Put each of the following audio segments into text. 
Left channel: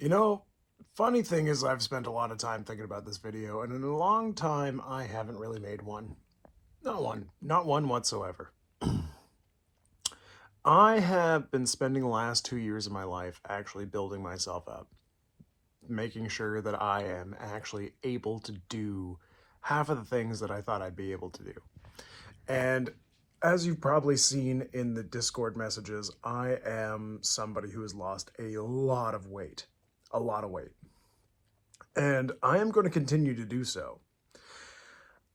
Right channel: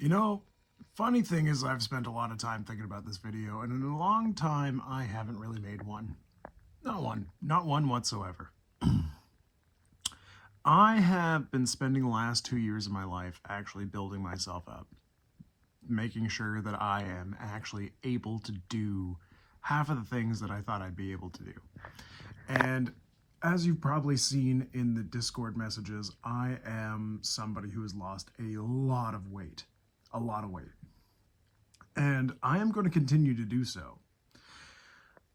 You know, funny thing is I've spent a lot of time thinking about this video, and in a long time I haven't really made one. Not one whatsoever. I have been spending the last 2 years of my life actually building myself up, making sure that I am actually able to do half of the things that I thought I'd be able to do. And as you've probably seen in the Discord messages, I am somebody who has lost a lot of weight. A lot of weight. And I am going to continue to do so.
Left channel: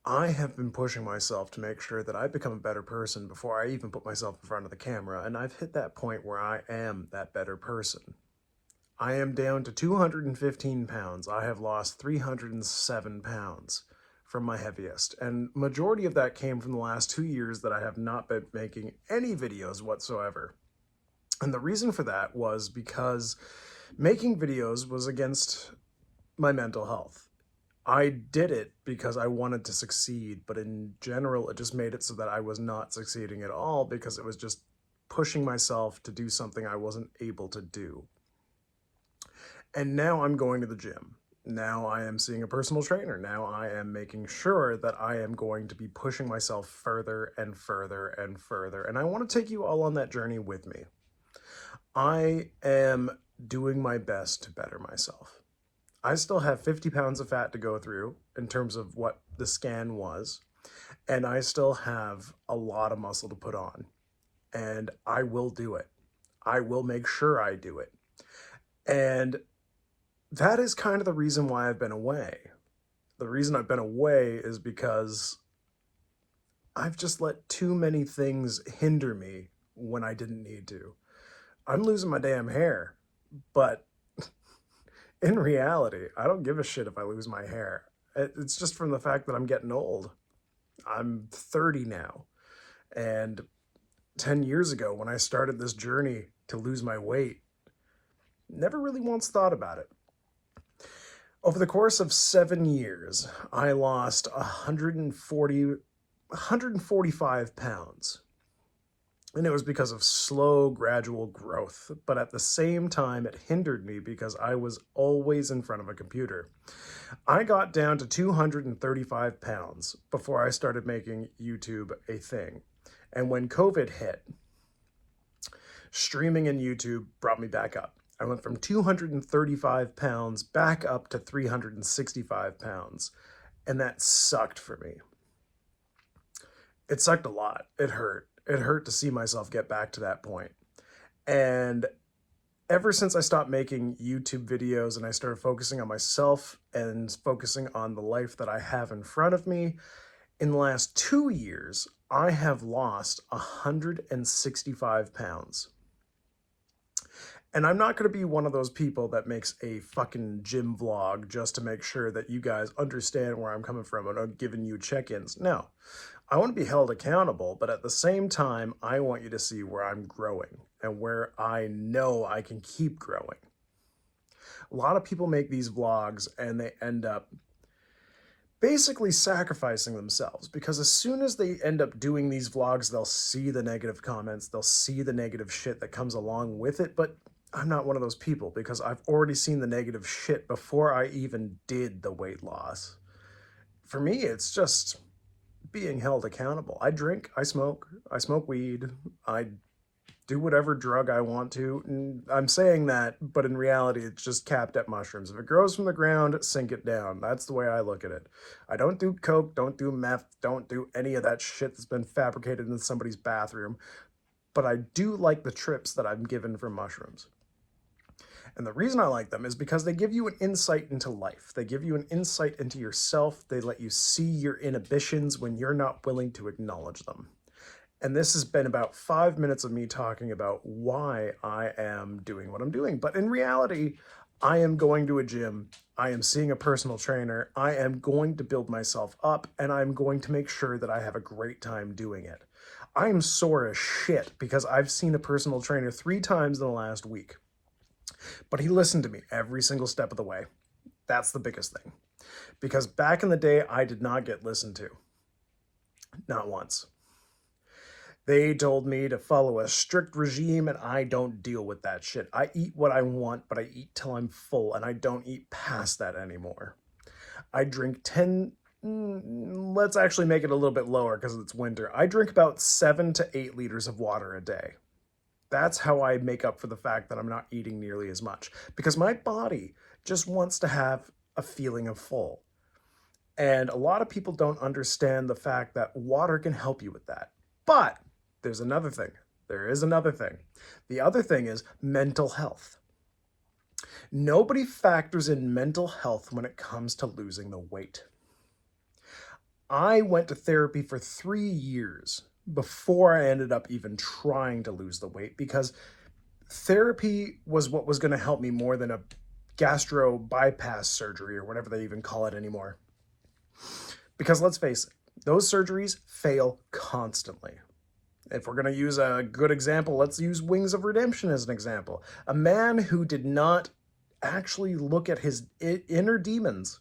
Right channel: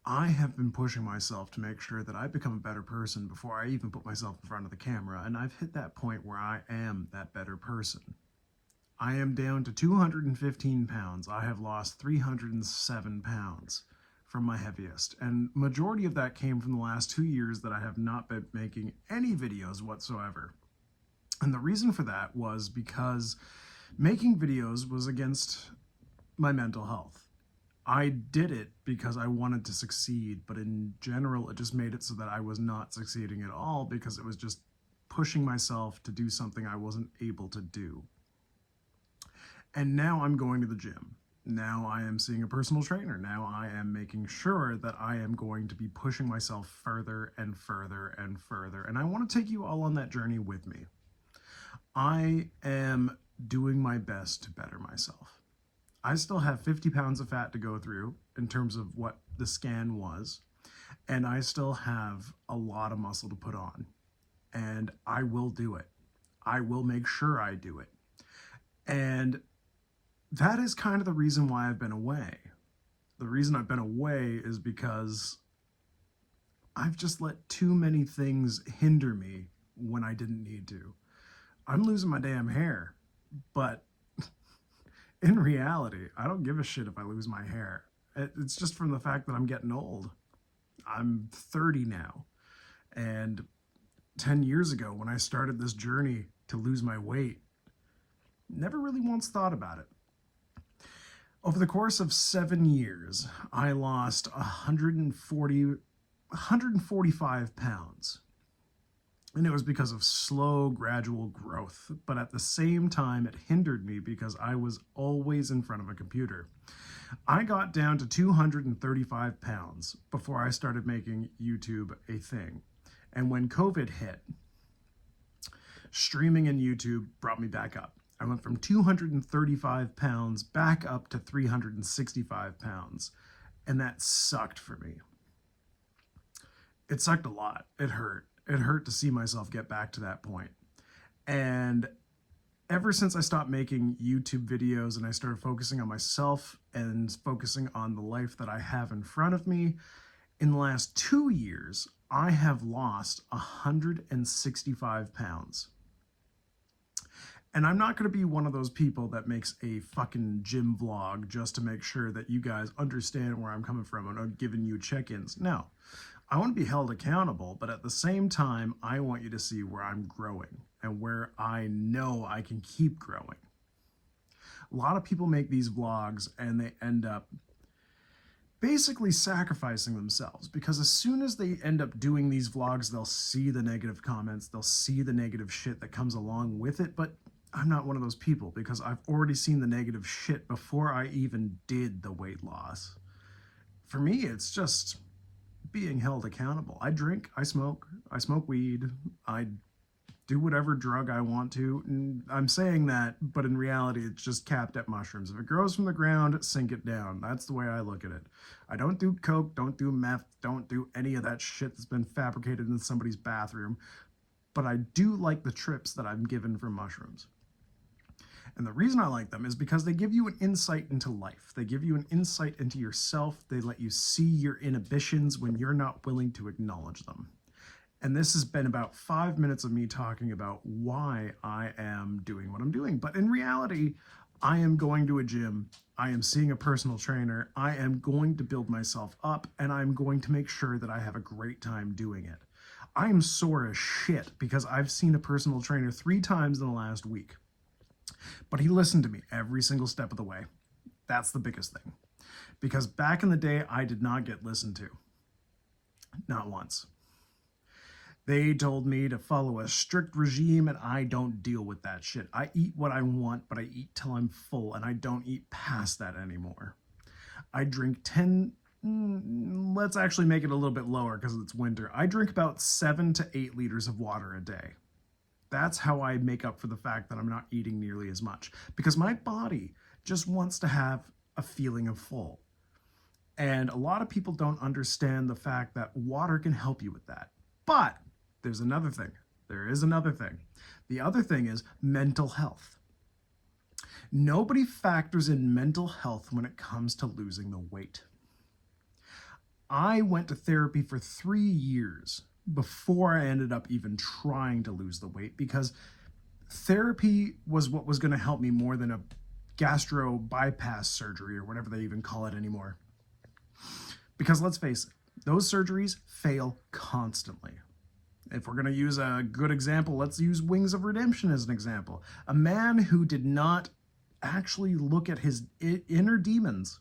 I have been pushing myself to make sure that I become a better person before I even put myself in front of the camera, and I've hit that point where I am that better person. I am down to 215 pounds. I have lost 307 pounds from my heaviest, and majority of that came from the last 2 years that I have not been making any videos whatsoever. And the reason for that was because making videos was against my mental health. I did it because I wanted to succeed, but in general, it just made it so that I was not succeeding at all because it was just pushing myself to do something I wasn't able to do. And now I'm going to the gym. Now I am seeing a personal trainer. Now I am making sure that I am going to be pushing myself further and further and further. And I want to take you all on that journey with me. I am doing my best to better myself. I still have 50 pounds of fat to go through in terms of what the scan was, and I still have a lot of muscle to put on, and I will do it. I will make sure I do it. And that is kind of the reason why I've been away. The reason I've been away is because I've just let too many things hinder me when I didn't need to. I'm losing my damn hair, but in reality, I don't give a shit if I lose my hair. It's just from the fact that I'm getting old. I'm 30 now. And 10 years ago, when I started this journey to lose my weight, never really once thought about it. Over the course of 7 years, I lost 145 pounds. And it was because of slow, gradual growth. But at the same time, it hindered me because I was always in front of a computer. I got down to 235 pounds before I started making YouTube a thing. And when COVID hit, streaming and YouTube brought me back up. I went from 235 pounds back up to 365 pounds. And that sucked for me. It sucked a lot. It hurt. It hurt to see myself get back to that point. And ever since I stopped making YouTube videos and I started focusing on myself and focusing on the life that I have in front of me, in the last 2 years, I have lost 165 pounds. And I'm not going to be one of those people that makes a fucking gym vlog just to make sure that you guys understand where I'm coming from and I'm giving you check-ins. No. I want to be held accountable, but at the same time, I want you to see where I'm growing and where I know I can keep growing. A lot of people make these vlogs and they end up basically sacrificing themselves because as soon as they end up doing these vlogs, they'll see the negative comments, they'll see the negative shit that comes along with it, but I'm not one of those people because I've already seen the negative shit before I even did the weight loss. For me, it's just being held accountable. I drink, I smoke weed, I do whatever drug I want to. And I'm saying that, but in reality, it's just capped at mushrooms. If it grows from the ground, sink it down. That's the way I look at it. I don't do coke, don't do meth, don't do any of that shit that's been fabricated in somebody's bathroom. But I do like the trips that I'm given from mushrooms. And the reason I like them is because they give you an insight into life. They give you an insight into yourself. They let you see your inhibitions when you're not willing to acknowledge them. And this has been about 5 minutes of me talking about why I am doing what I'm doing. But in reality, I am going to a gym. I am seeing a personal trainer. I am going to build myself up, and I'm going to make sure that I have a great time doing it. I am sore as shit because I've seen a personal trainer 3 times in the last week. But he listened to me every single step of the way. That's the biggest thing. Because back in the day, I did not get listened to. Not once. They told me to follow a strict regime, and I don't deal with that shit. I eat what I want, but I eat till I'm full, and I don't eat past that anymore. I drink 10, let's actually make it a little bit lower because it's winter. I drink about 7 to 8 liters of water a day. That's how I make up for the fact that I'm not eating nearly as much, because my body just wants to have a feeling of full. And a lot of people don't understand the fact that water can help you with that. But there's another thing. There is another thing. The other thing is mental health. Nobody factors in mental health when it comes to losing the weight. I went to therapy for 3 years before I ended up even trying to lose the weight, because therapy was what was going to help me more than a gastro bypass surgery or whatever they even call it anymore. Because let's face it, those surgeries fail constantly. If we're going to use a good example, let's use Wings of Redemption as an example. A man who did not actually look at his inner demons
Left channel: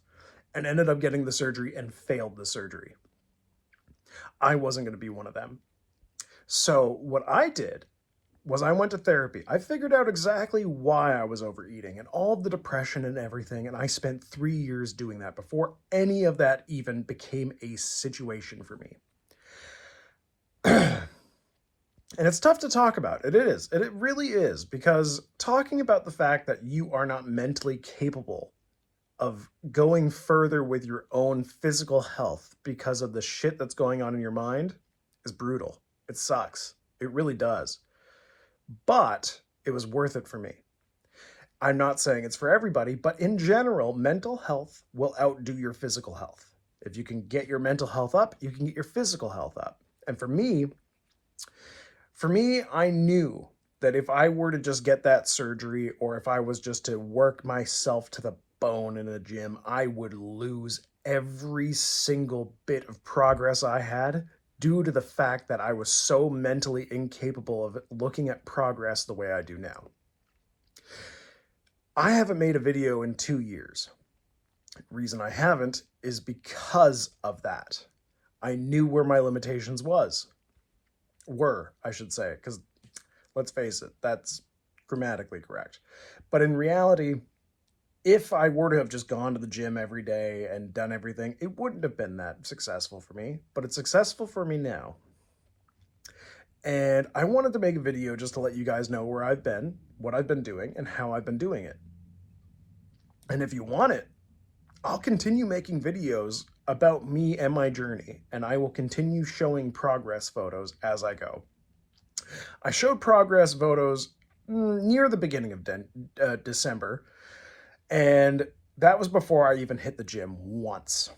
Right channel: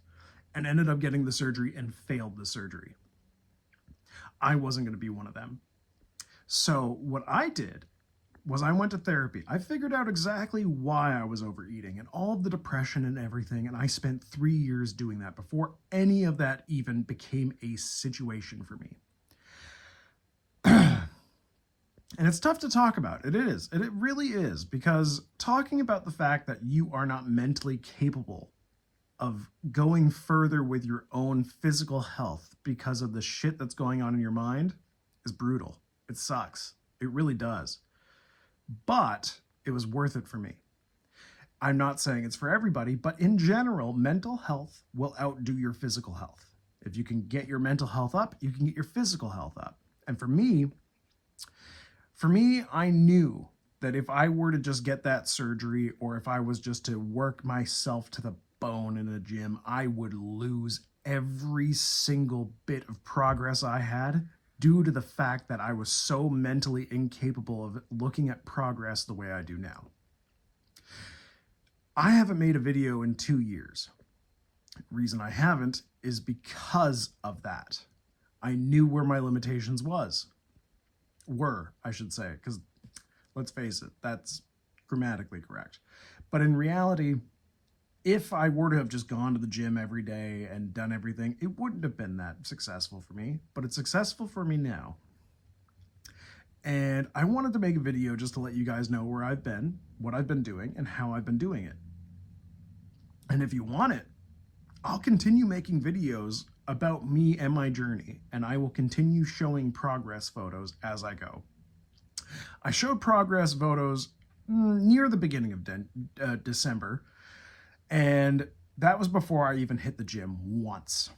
and ended up getting the surgery and failed the surgery. I wasn't going to be one of them. So what I did was I went to therapy. I figured out exactly why I was overeating and all the depression and everything, and I spent 3 years doing that before any of that even became a situation for me. And it's tough to talk about. It is. It really is, because talking about the fact that you are not mentally capable of going further with your own physical health because of the shit that's going on in your mind is brutal. It sucks. It really does. But it was worth it for me. I'm not saying it's for everybody, but in general, mental health will outdo your physical health. If you can get your mental health up, you can get your physical health up. And for me, I knew that if I were to just get that surgery, or if I was just to work myself to the bone in a gym, I would lose every single bit of progress I had due to the fact that I was so mentally incapable of looking at progress the way I do now. I haven't made a video in 2 years. The reason I haven't is because of that. I knew where my limitations were, I should say, because let's face it, that's grammatically correct. But in reality, if I were to have just gone to the gym every day and done everything, it wouldn't have been that successful for me, but it's successful for me now. And I wanted to make a video just to let you guys know where I've been, what I've been doing, and how I've been doing it. And if you want it, I'll continue making videos about me and my journey, and I will continue showing progress photos as I go. I showed progress photos near the beginning of December, and that was before I even hit the gym once.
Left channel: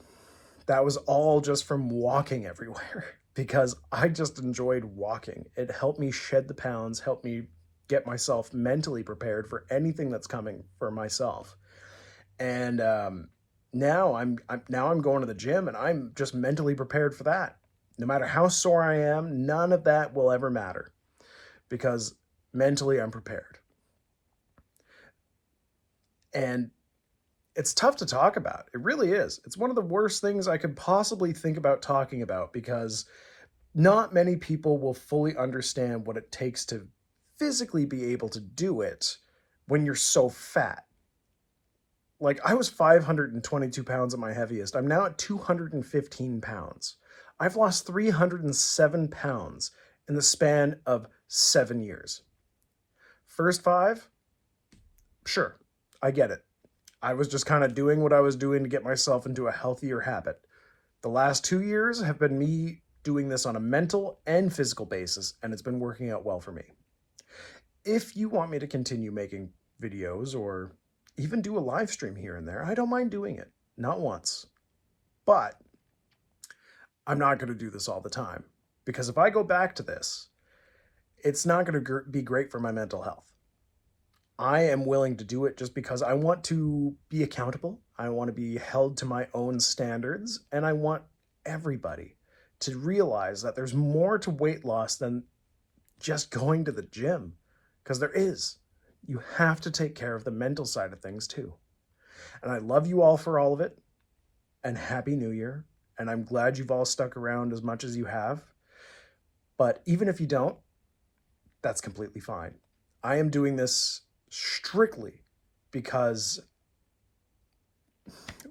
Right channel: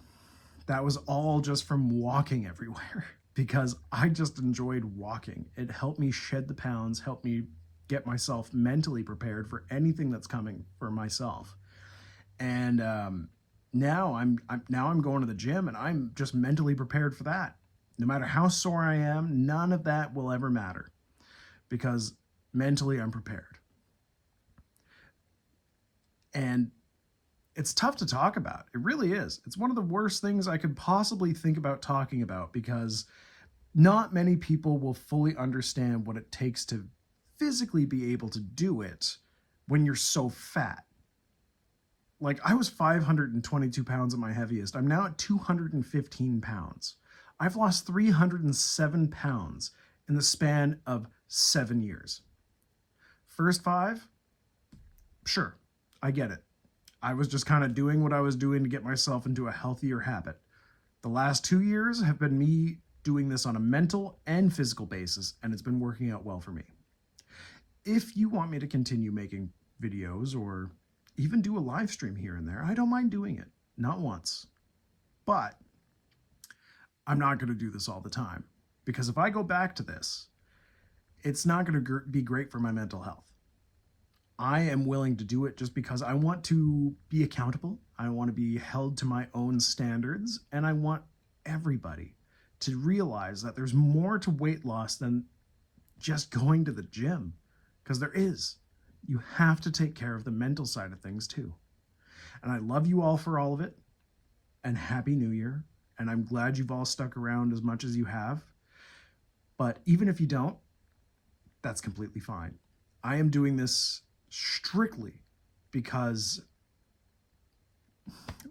That was all just from walking everywhere, because I just enjoyed walking. It helped me shed the pounds, helped me get myself mentally prepared for anything that's coming for myself. And now I'm going to the gym, and I'm just mentally prepared for that. No matter how sore I am, none of that will ever matter, because mentally I'm prepared. And it's tough to talk about. It really is. It's one of the worst things I could possibly think about talking about, because not many people will fully understand what it takes to physically be able to do it when you're so fat. Like, I was 522 pounds at my heaviest. I'm now at 215 pounds. I've lost 307 pounds in the span of 7 years. First 5, sure, I get it. I was just kind of doing what I was doing to get myself into a healthier habit. The last 2 years have been me doing this on a mental and physical basis, and it's been working out well for me. If you want me to continue making videos or even do a live stream here and there, I don't mind doing it. Not once. But I'm not going to do this all the time, because if I go back to this, it's not going to be great for my mental health. I am willing to do it just because I want to be accountable. I want to be held to my own standards, and I want everybody to realize that there's more to weight loss than just going to the gym, because there is. You have to take care of the mental side of things too. And I love you all for all of it, and Happy New Year. And I'm glad you've all stuck around as much as you have. But even if you don't, that's completely fine. I am doing this strictly because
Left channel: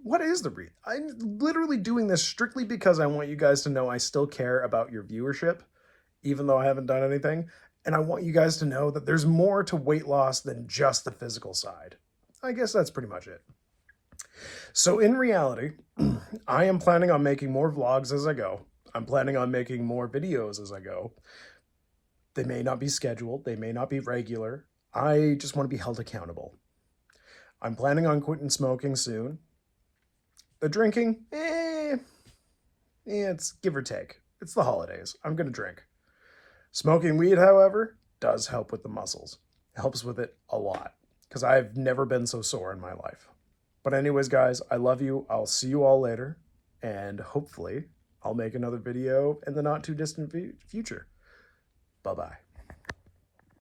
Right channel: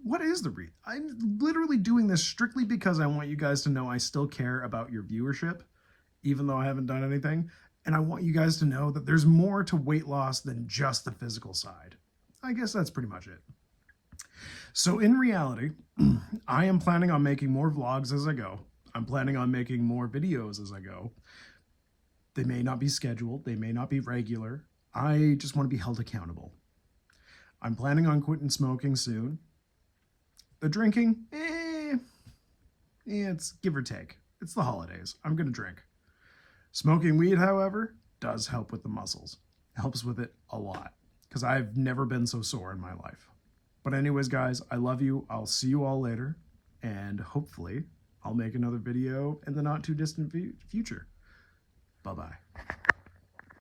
what is the reason? I'm literally doing this strictly because I want you guys to know I still care about your viewership, even though I haven't done anything. And I want you guys to know that there's more to weight loss than just the physical side. I guess that's pretty much it. So in reality, I am planning on making more vlogs as I go. I'm planning on making more videos as I go. They may not be scheduled. They may not be regular. I just want to be held accountable. I'm planning on quitting smoking soon. The drinking, it's give or take. It's the holidays. I'm going to drink. Smoking weed, however, does help with the muscles. It helps with it a lot because I've never been so sore in my life. But anyways, guys, I love you. I'll see you all later. And hopefully I'll make another video in the not too distant future. Bye-bye.